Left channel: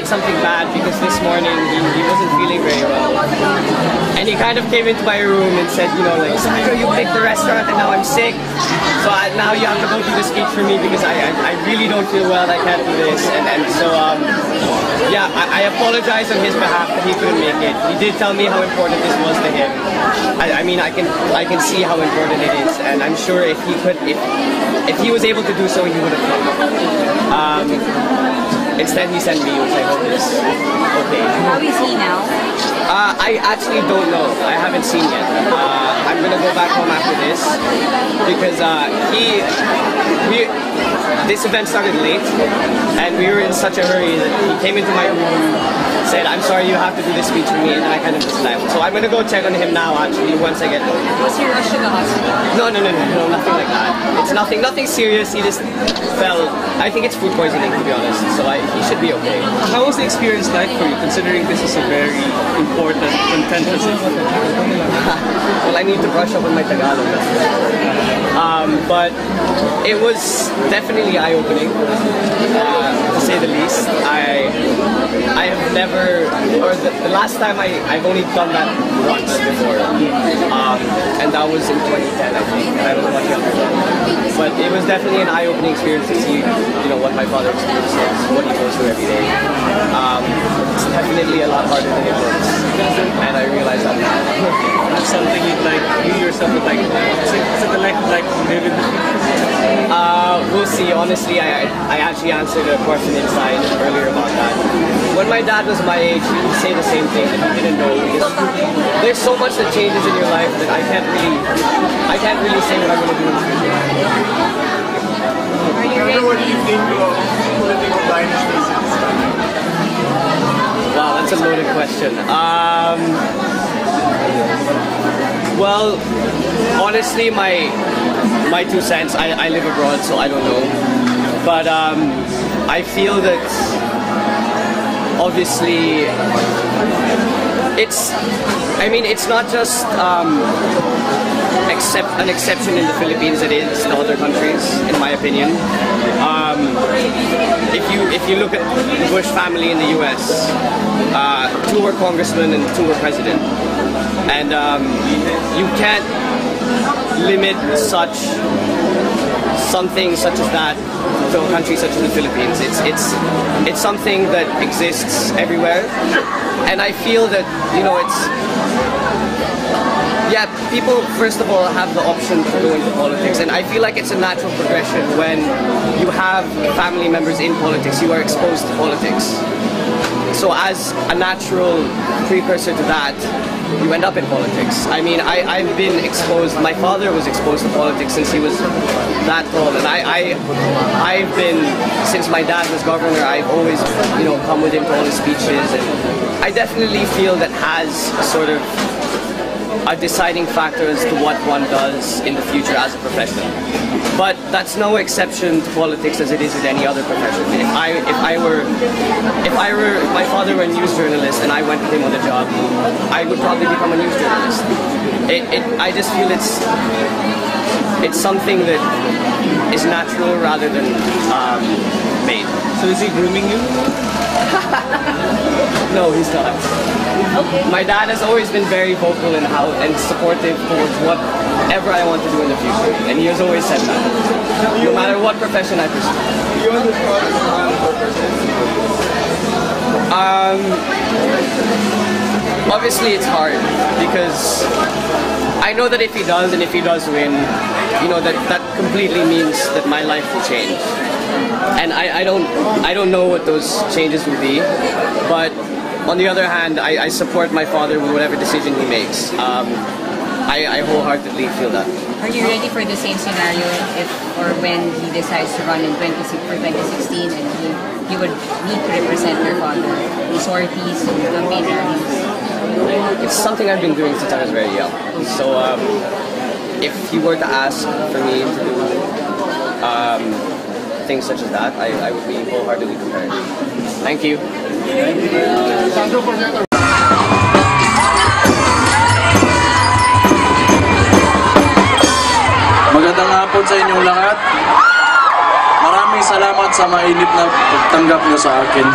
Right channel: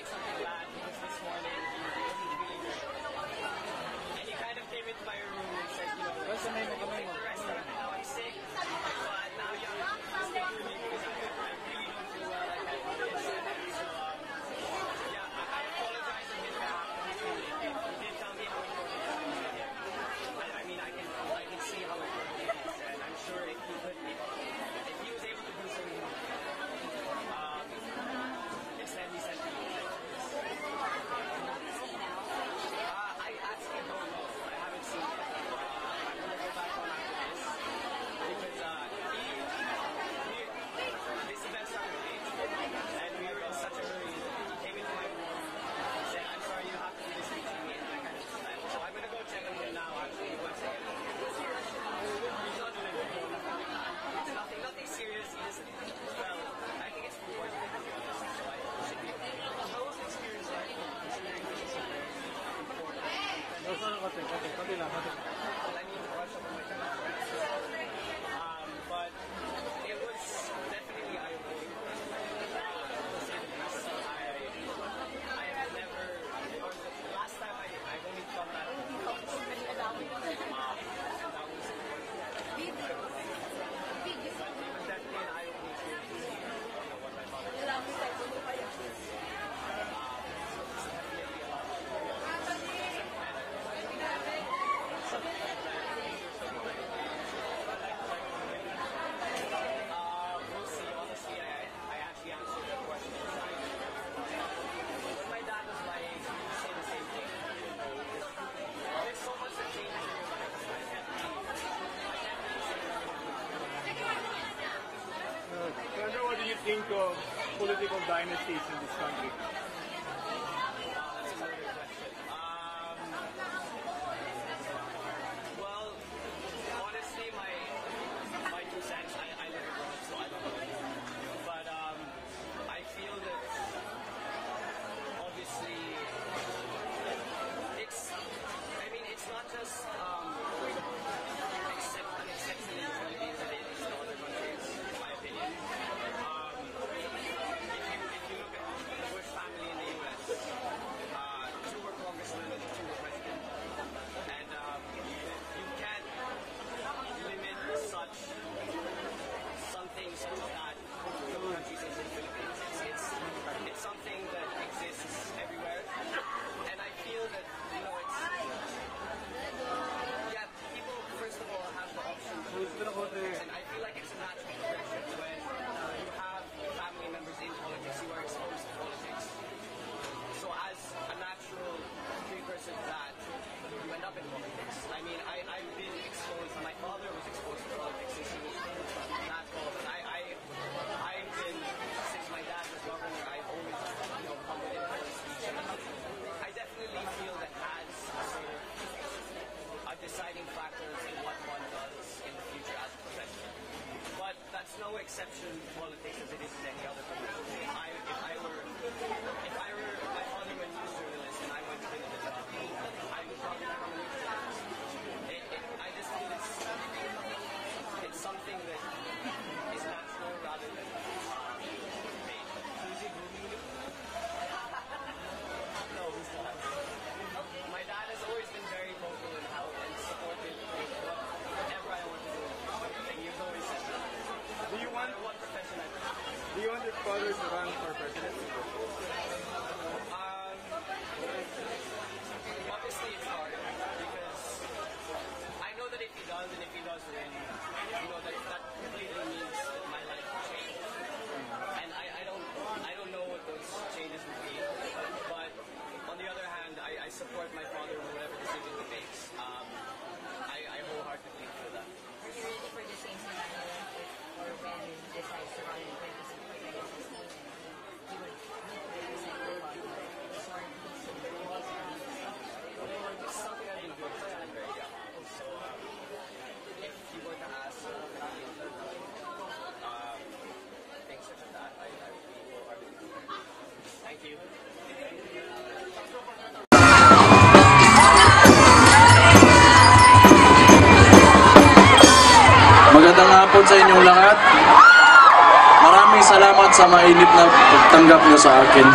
Did something bad because this morning he wasn't feeling very well. And he kind of came into my room and said, you know, like, Sandro, you picked the restaurant and now I'm sick. So now you have to go do the speech for me because I really don't feel well, I can't do this. And so, yeah, I apologize on his behalf that he couldn't make it. He did tell me how important this was to him. I mean, I can see how important it is. And I'm sure if he was able to do so, he would have come. Instead, he sent me, which I hope is okay. How is he now? I actually don't know. I haven't seen yet. I'm gonna go back home after this because this event started late, and we were in such a hurry that he came into my room, said, "I'm sorry, you have to do this speech for me," and then I kind of just left. So I'm gonna go check on him now. Actually, once I get home. Was he rushed to the hospital? No, nothing like that. It's nothing serious. He just fell. I think it's food poisoning, to be honest. So he should be okay. How was the experience like for you, considering this is a very important, contentious issue? Well, I need to brush up on my Tagalog. But it was definitely eye-opening, to say the least. I have never, or the last time I've only done that once before, and that was in 2010, I think, and I was much younger. But it was definitely an eye-opening experience to see, you know, what my father experiences, what he goes through every day. It's definitely a lot harder than it looks, and I realized that now. That's something you yourself would like. Is it like live in the future? We'll see. Honestly, I actually answered a question inside earlier about that. When my dad was my age, he would say the same thing that he didn't know. Because there's so much that changes in your life that I can't really say what I'm going to do in the future. What do you think of political dynasties in this country? Wow, that's a loaded question. Well, honestly, my 2 cents, I live abroad, so I don't know. But I feel that obviously it's not just an exception in the Philippines, it is in other countries, in my opinion. If you look at the Bush family in the US, 2 were congressmen and 2 were president. And you can't limit something such as that to a country such as the Philippines. It's something that exists everywhere, and I feel that, you know, people first of all have the option to go into politics, and I feel like it's a natural progression. When you have family members in politics, you are exposed to politics. So as a natural precursor to that, you end up in politics. I mean, I've been exposed, my father was exposed to politics since he was that tall, and I've been, since my dad was governor, I've always, you know, come with him to all his speeches, and I definitely feel that has a sort of a deciding factor as to what one does in the future as a profession. But that's no exception to politics as it is with any other profession. If my father were a news journalist and I went with him on the job, I would probably become a news journalist. I just feel it's something that is natural rather than made. So is he grooming you? No, he's not. Okay. My dad has always been very vocal and supportive towards whatever I want to do in the future, and he has always said that, no matter what profession I pursue. You want to run for presidency? Obviously it's hard because I know that if he does, and if he does win, you know, that completely means that my life will change. And I don't know what those changes will be, but on the other hand, I support my father with whatever decision he makes. I wholeheartedly feel that. Are you ready for the same scenario if or when he decides to run in 2016 and he would need to represent your father, the sorties, the campaign rallies? It's something I've been doing since I was very young. So if he were to ask for me to do things such as that, I would be wholeheartedly prepared. Thank you. Magandang hapon sa inyong lahat. Maraming salamat sa mainit na pagtanggap niyo sa akin.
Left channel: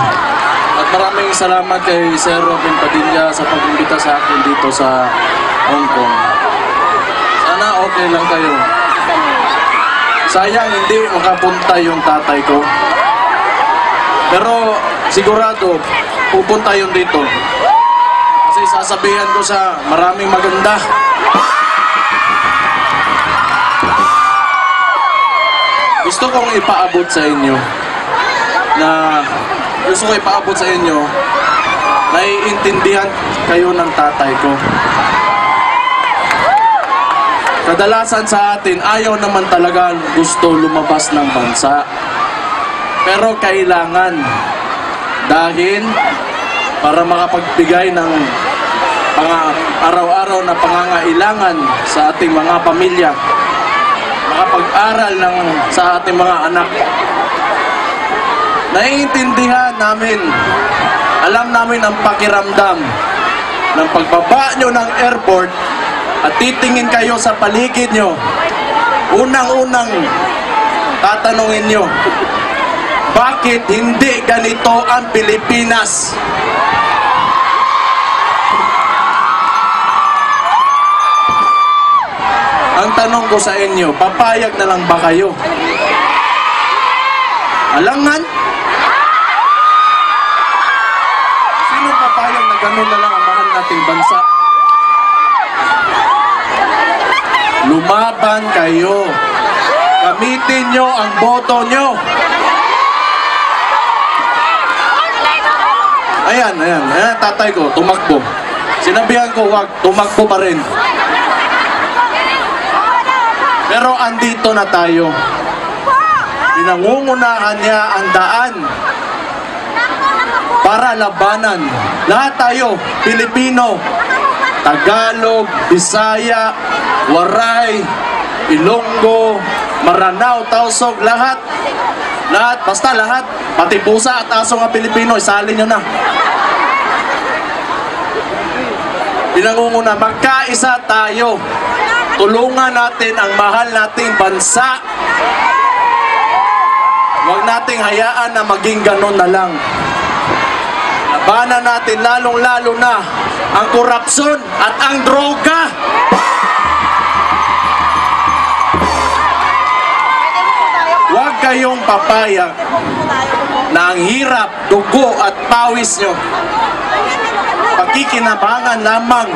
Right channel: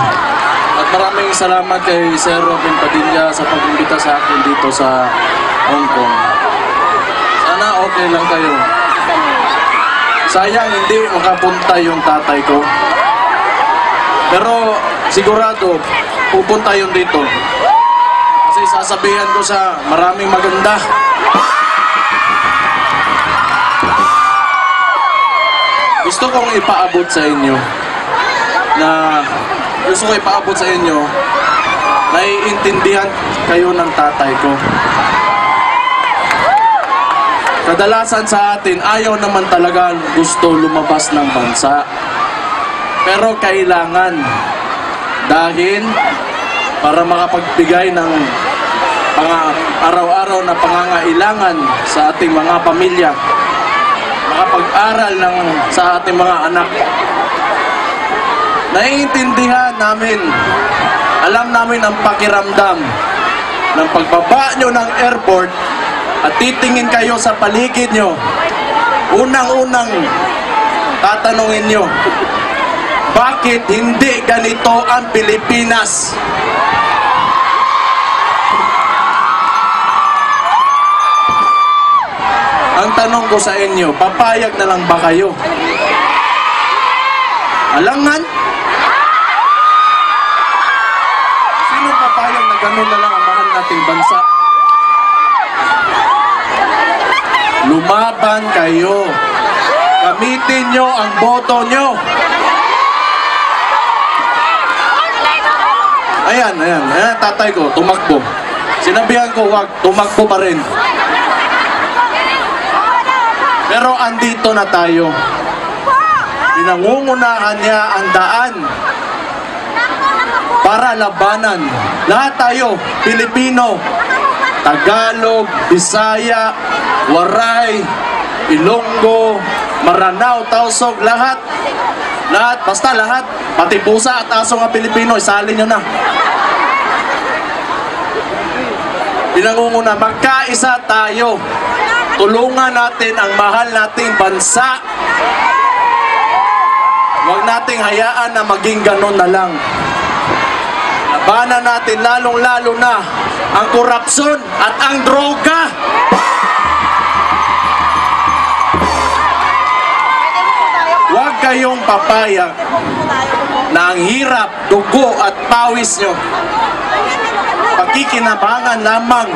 At maraming salamat kay Sir Robin Padilla sa pag-imbita sa akin dito sa Hong Kong. Sana okay lang kayo. Sayang hindi makapunta yung tatay ko. Pero sigurado pupunta yun dito. Kasi sasabihan ko sa maraming maganda. Gusto kong ipaabot sa inyo naiintindihan kayo ng tatay ko. Kadalasan sa atin, ayaw naman talaga gusto lumabas ng bansa. Pero kailangan. Dahil para makapagbigay ng araw-araw na pangangailangan sa ating mga pamilya. Makapag-aral sa ating mga anak. Naiintindihan namin. Alam namin ang pakiramdam ng pagbaba nyo ng airport at titingin kayo sa paligid nyo. Unang-unang tatanungin nyo, bakit hindi ganito ang Pilipinas? Ang tanong ko sa inyo, papayag na lang ba kayo? Alangan? Sino papayag na ganun na lang ang mahal nating bansa? Lumaban kayo. Gamitin nyo ang boto nyo. Ayan, tatay ko, tumakbo. Sinabihan ko, wag, tumakbo pa rin. Pero andito na tayo. Pinangungunahan niya ang daan para labanan. Lahat tayo, Pilipino, Tagalog, Bisaya, Waray, Ilonggo, Maranao, Tausog, lahat. Lahat, basta lahat. Pati pusa at aso nga Pilipino, isalin nyo na. Pinangunguna, magkaisa tayo. Tulungan natin ang mahal nating bansa. Huwag nating hayaan na maging ganon na lang. Labanan natin lalong-lalo na ang korupsyon at ang droga. Huwag kayong papayag na ang hirap, dugo at pawis nyo pagkikinabangan lamang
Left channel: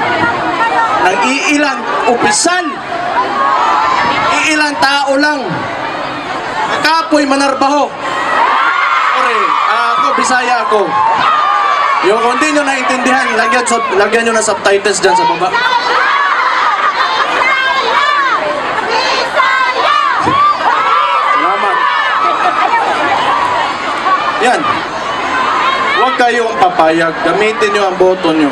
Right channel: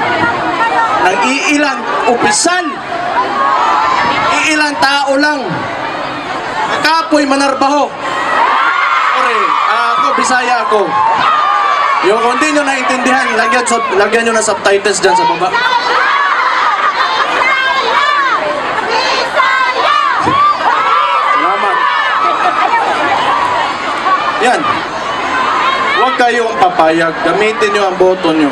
ng iilang opisyal, iilang tao lang. Kapoy manarbaho. Sorry, ako Bisaya ako. Yung kung di nyo naintindihan, lagyan nyo na subtitles dyan sa baba. Salamat. Yan. Huwag kayong papayag. Gamitin nyo ang boto nyo.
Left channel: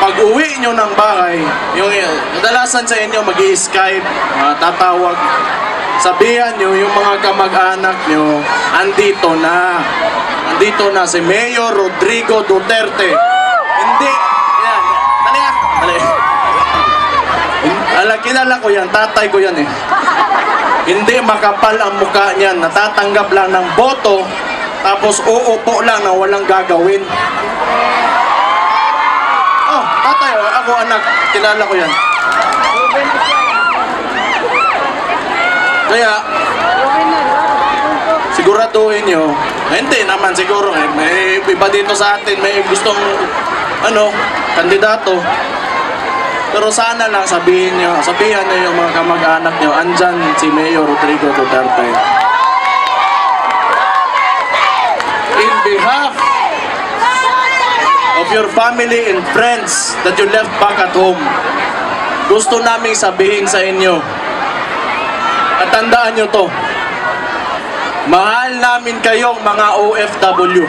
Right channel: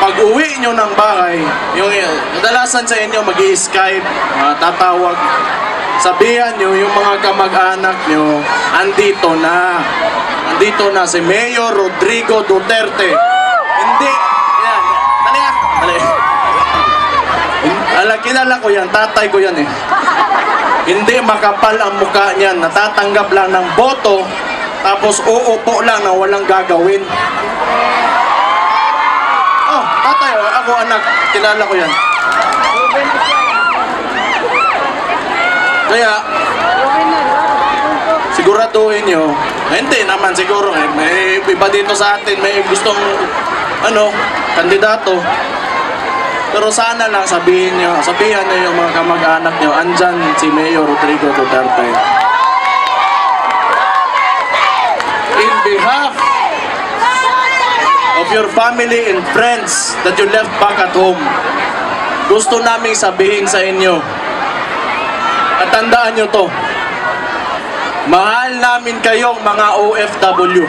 Pag uwi nyo ng bahay, yung kadalasan sa inyo mag-i-Skype, tatawag, sabihan nyo yung mga kamag-anak nyo, andito na si Mayor Rodrigo Duterte. Hindi, yan, dali. Kilala ko yan, tatay ko yan eh. Hindi makapal ang mukha niyan, natatanggap lang ng boto, tapos uupo lang na walang gagawin. Oh, tatay, ako anak, kilala ko yan. Kaya, siguraduhin nyo, hindi naman siguro, may iba dito sa atin, may gustong, kandidato. Pero sana lang sabihan nyo yung mga kamag-anak nyo, andyan si Mayor Rodrigo Duterte. In behalf of your family and friends that you left back at home, gusto naming sabihin sa inyo, at tandaan nyo to, mahal namin kayong mga OFW.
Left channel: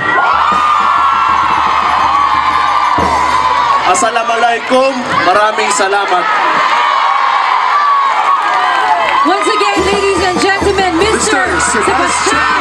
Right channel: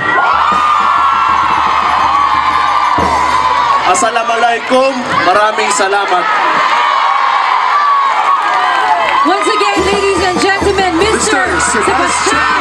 Assalamualaikum, maraming salamat. Once again, ladies and gentlemen, Mr. Sebastian